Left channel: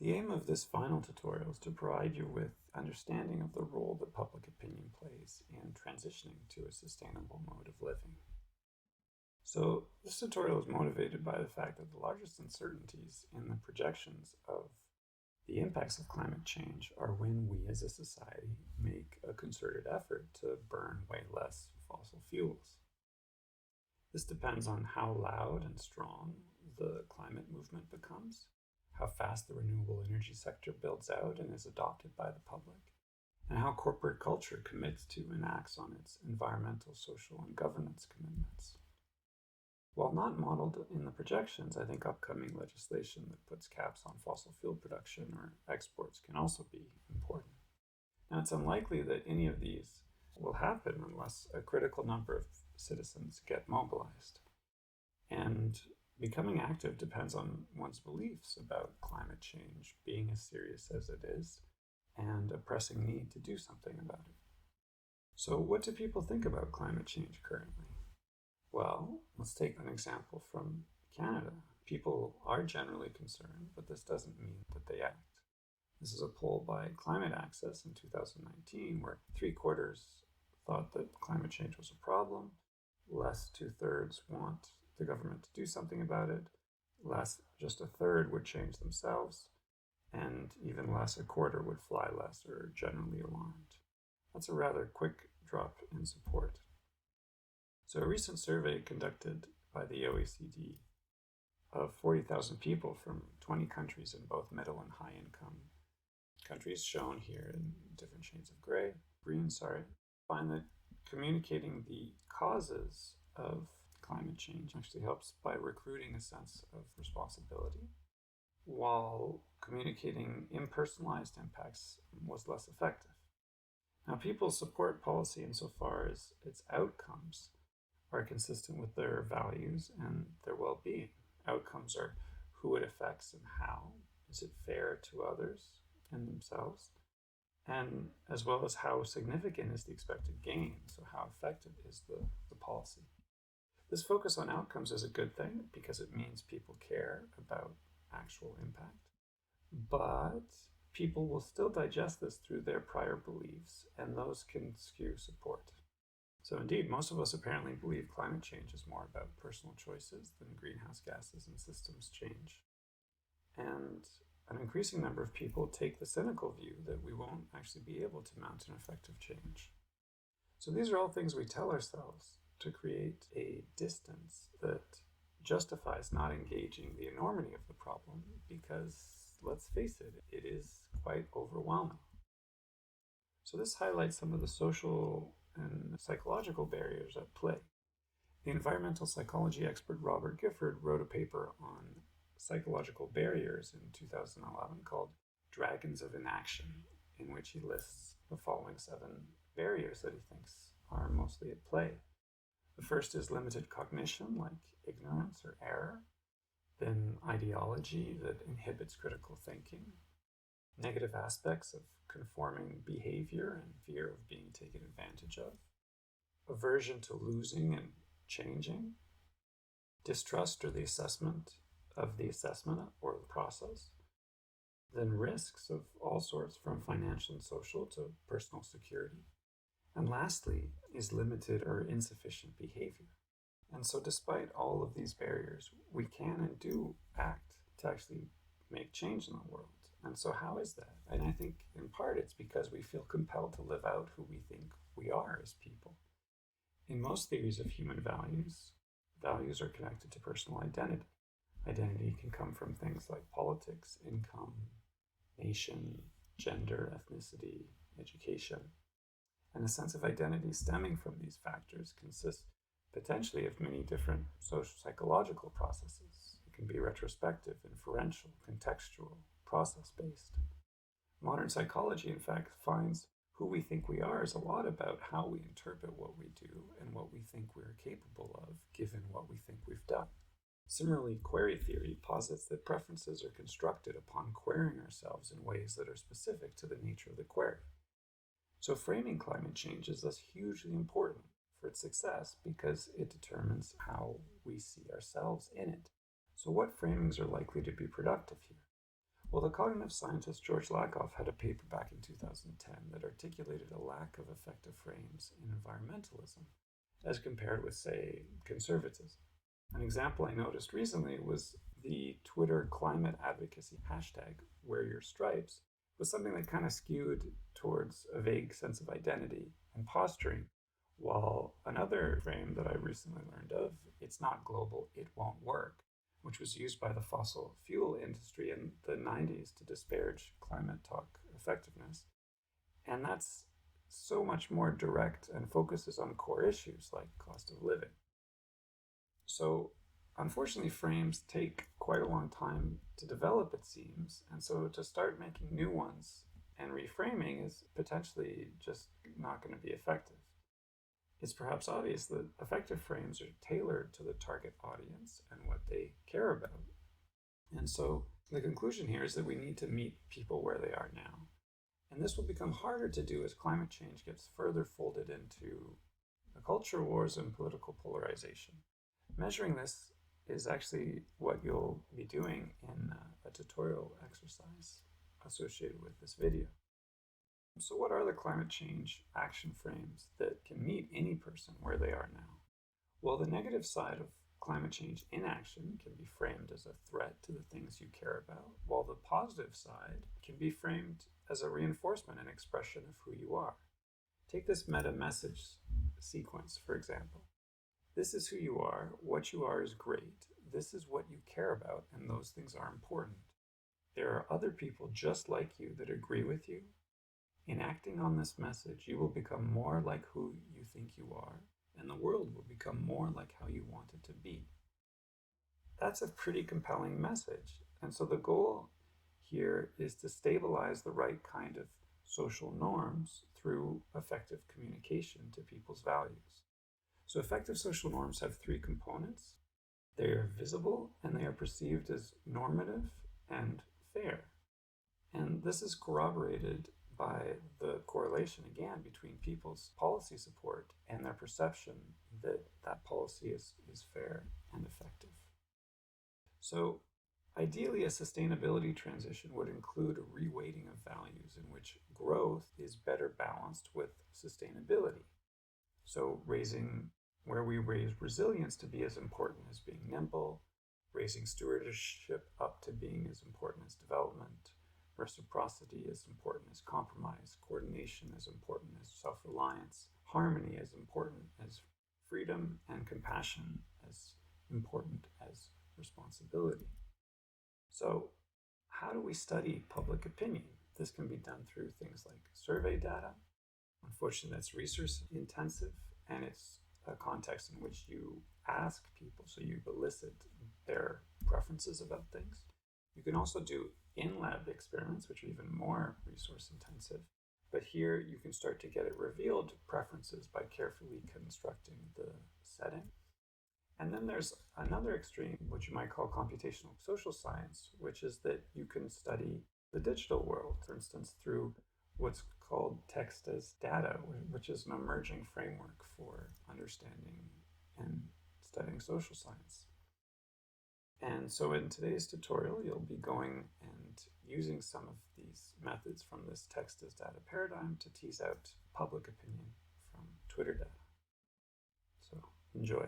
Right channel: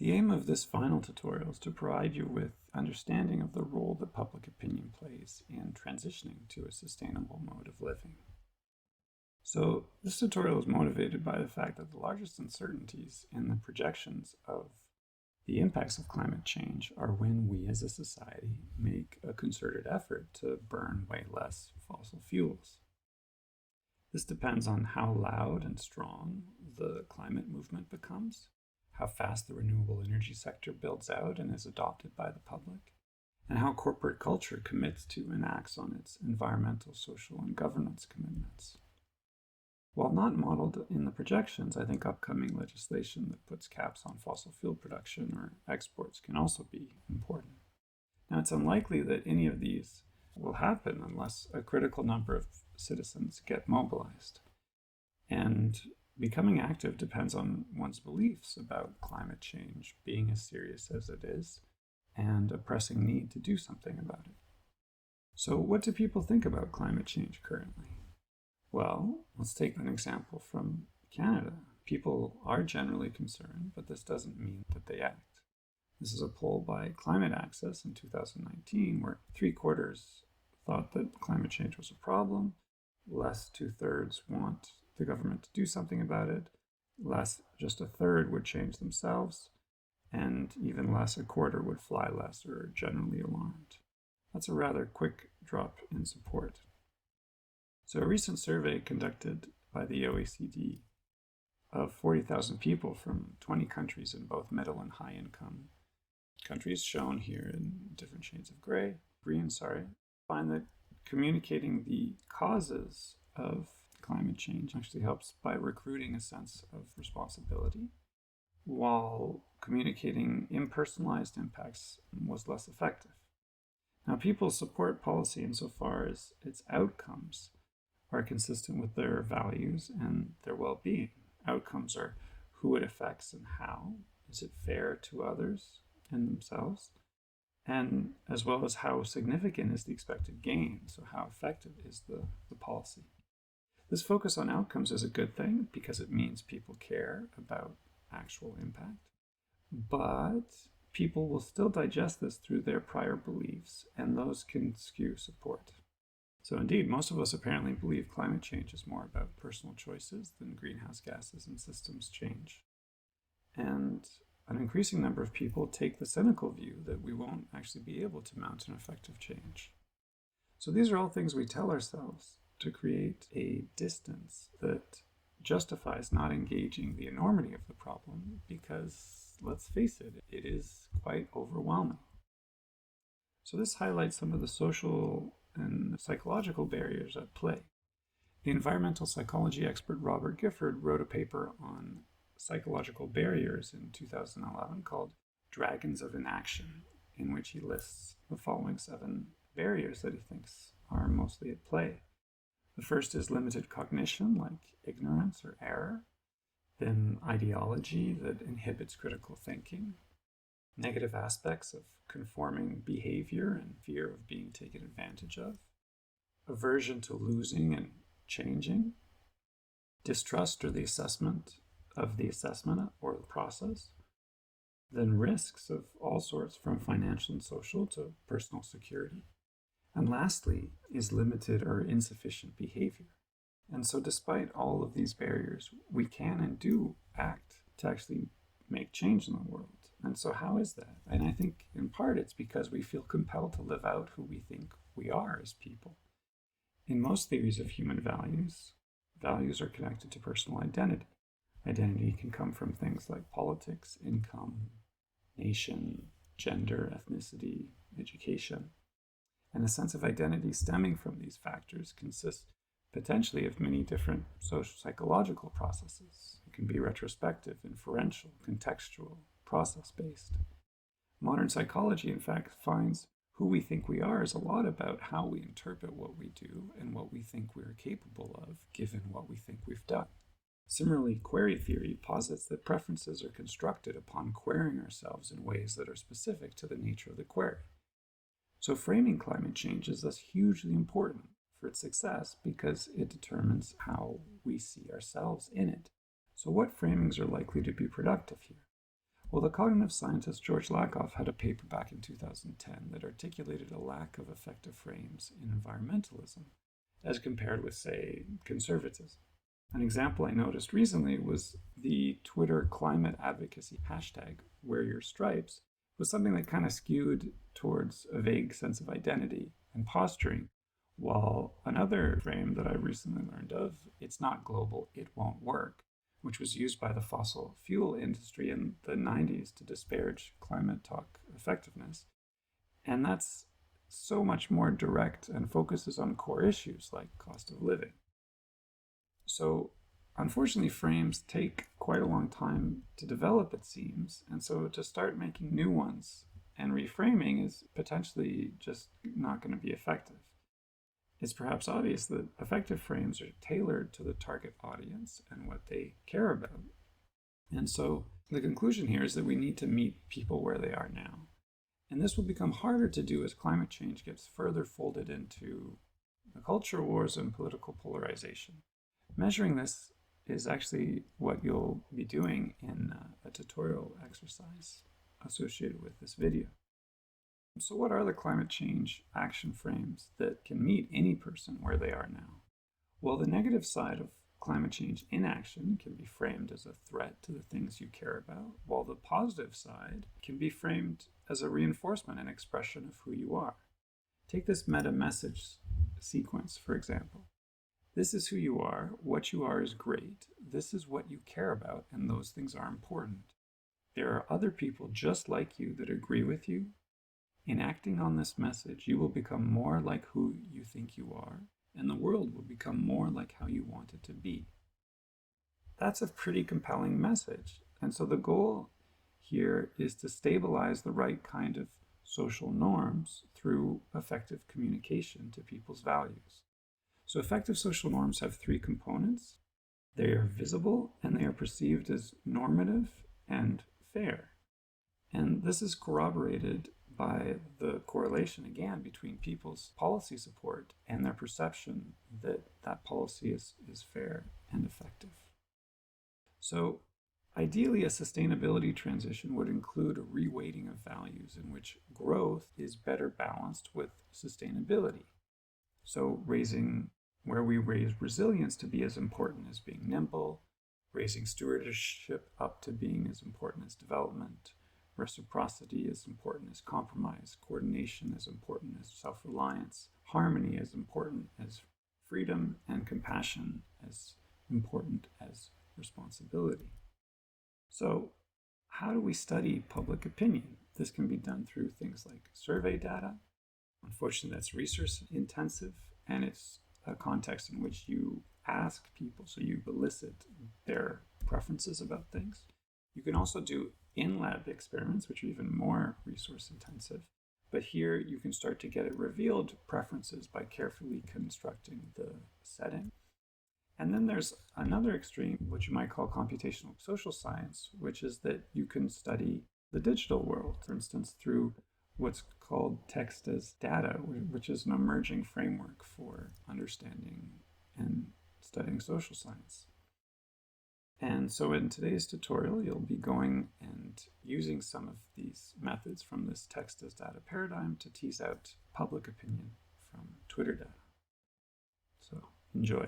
The aim of this final tutorial is to provide you with understanding of the role that public opinion plays in transitioning to a sustainable mode of living. So this tutorial is motivated by the fact that the largest uncertainties in the projections of the impacts of climate change are when we as a society make a concerted effort to burn way less fossil fuels. This depends on how loud and strong the climate movement becomes, how fast the renewable energy sector builds out and is adopted by the public, and how corporate culture commits to and acts on its environmental, social, and governance commitments. While not modeled in the projections, I think upcoming legislation that puts caps on fossil fuel production or exports can also be important. Now, it's unlikely that any of these will happen unless a critical number of citizens get mobilized. And becoming active depends on one's beliefs about climate change being as serious as it is and a pressing need to do something about it. So, what do people think about climate change currently? Well, let's take an example from Canada. People are generally concerned, but this doesn't mean that they act. This is a poll by Climate Access in 2019, where 3/4 thought that climate change was a problem, less 2/3 want the government to do something about it, less just 1/3 would change themselves, and even less 1/4 would fly less or are generally alarmed. That's a rather quick drop in support. So a recent survey conducted by the OECD of 40,000 people from 20 countries in both middle and high income countries, shown here in different shades of green, find that communicating the causes of climate change actually helps by recruiting a sense of responsibility, while communicating impersonalized impacts was less effective. Now, people support policy insofar as its outcomes are consistent with their values and their well-being. Outcomes are who it affects and how. Is it fair to others and themselves? And as well as how significant is the expected gain, so how effective is the policy. This focus on outcomes is a good thing because it means people care about actual impact, but people will still digest this through their prior beliefs, and those can skew support. So indeed, most of us apparently believe climate change is more about personal choices than greenhouse gases and systems change. And an increasing number of people take the cynical view that we won't actually be able to mount an effective change. So these are all things we tell ourselves to create a distance that justifies not engaging the enormity of the problem because, let's face it, it is quite overwhelming. So this highlights some of the social and psychological barriers at play. The environmental psychology expert Robert Gifford wrote a paper on psychological barriers in 2011 called Dragons of Inaction, in which he lists the following 7 barriers that he thinks are mostly at play. The first is limited cognition, like ignorance or error, then ideology that inhibits critical thinking, negative aspects of conforming behavior and fear of being taken advantage of, aversion to losing and changing, distrust or the assessment of the assessment or the process, then risks of all sorts from financial and social to personal security, and lastly is limited or insufficient behavior. And so despite all of these barriers, we can and do act to actually make change in the world. And so how is that? And I think in part it's because we feel compelled to live out who we think we are as people. In most theories of human values, values are connected to personal identity. Identity can come from things like politics, income, nation, gender, ethnicity, education. And a sense of identity stemming from these factors consists potentially of many different social psychological processes. It can be retrospective, inferential, contextual, process-based. Modern psychology, in fact, finds who we think we are is a lot about how we interpret what we do and what we think we're capable of, given what we think we've done. Similarly, query theory posits that preferences are constructed upon querying ourselves in ways that are specific to the nature of the query. So framing climate change is thus hugely important for its success because it determines how we see ourselves in it. So what framings are likely to be productive here? Well, the cognitive scientist George Lakoff had a paper back in 2010 that articulated a lack of effective frames in environmentalism as compared with, say, conservatism. An example I noticed recently was the Twitter climate advocacy hashtag, Wear Your Stripes, was something that kind of skewed towards a vague sense of identity and posturing, while another frame that I recently learned of, it's not global, it won't work, which was used by the fossil fuel industry in the 90s to disparage climate talk effectiveness. And that's so much more direct and focuses on core issues like cost of living. So, unfortunately, frames take quite a long time to develop, it seems, and so to start making new ones and reframing is potentially just not going to be effective. It's perhaps obvious that effective frames are tailored to the target audience and what they care about. And so the conclusion here is that we need to meet people where they are now. And this will become harder to do as climate change gets further folded into the culture wars and political polarization. Measuring this is actually what you'll be doing in a tutorial exercise associated with this video. So what are the climate change action frames that can meet any person where they are now? Well, the negative side of climate change inaction can be framed as a threat to the things you care about, while the positive side can be framed as a reinforcement and expression of who you are. Take this meta message sequence, for example. This is who you are, what you are is great, this is what you care about, and those things are important. There are other people just like you that agree with you. In acting on this message, you will become more like who you think you are, and the world will become more like how you want it to be. That's a pretty compelling message, and so the goal here is to stabilize the right kind of social norms through effective communication to people's values. So effective social norms have three components. They are visible, and they are perceived as normative and fair. And this is corroborated by the correlation, again, between people's policy support and their perception that that policy is fair and effective. So ideally, a sustainability transition would include a reweighting of values in which growth is better balanced with sustainability. So where we raise resilience to be as important as being nimble, raising stewardship up to being as important as development, reciprocity is important as compromise, coordination is important as self-reliance, harmony is important as freedom, and compassion as important as responsibility. So, how do we study public opinion? This can be done through things like survey data. Unfortunately, that's research intensive, and it's a context in which you ask people, so you elicit their preferences about things. You can also do in-lab experiments, which are even more resource intensive. But here you can start to get revealed preferences by carefully constructing the setting. And then there's another extreme, which you might call computational social science, which is that you can study the digital world, for instance, through what's called text as data, which is an emerging framework for understanding and studying social science. And so in today's tutorial, you'll be going and using some of these methods from this text as data paradigm to tease out public opinion from Twitter data. So enjoy.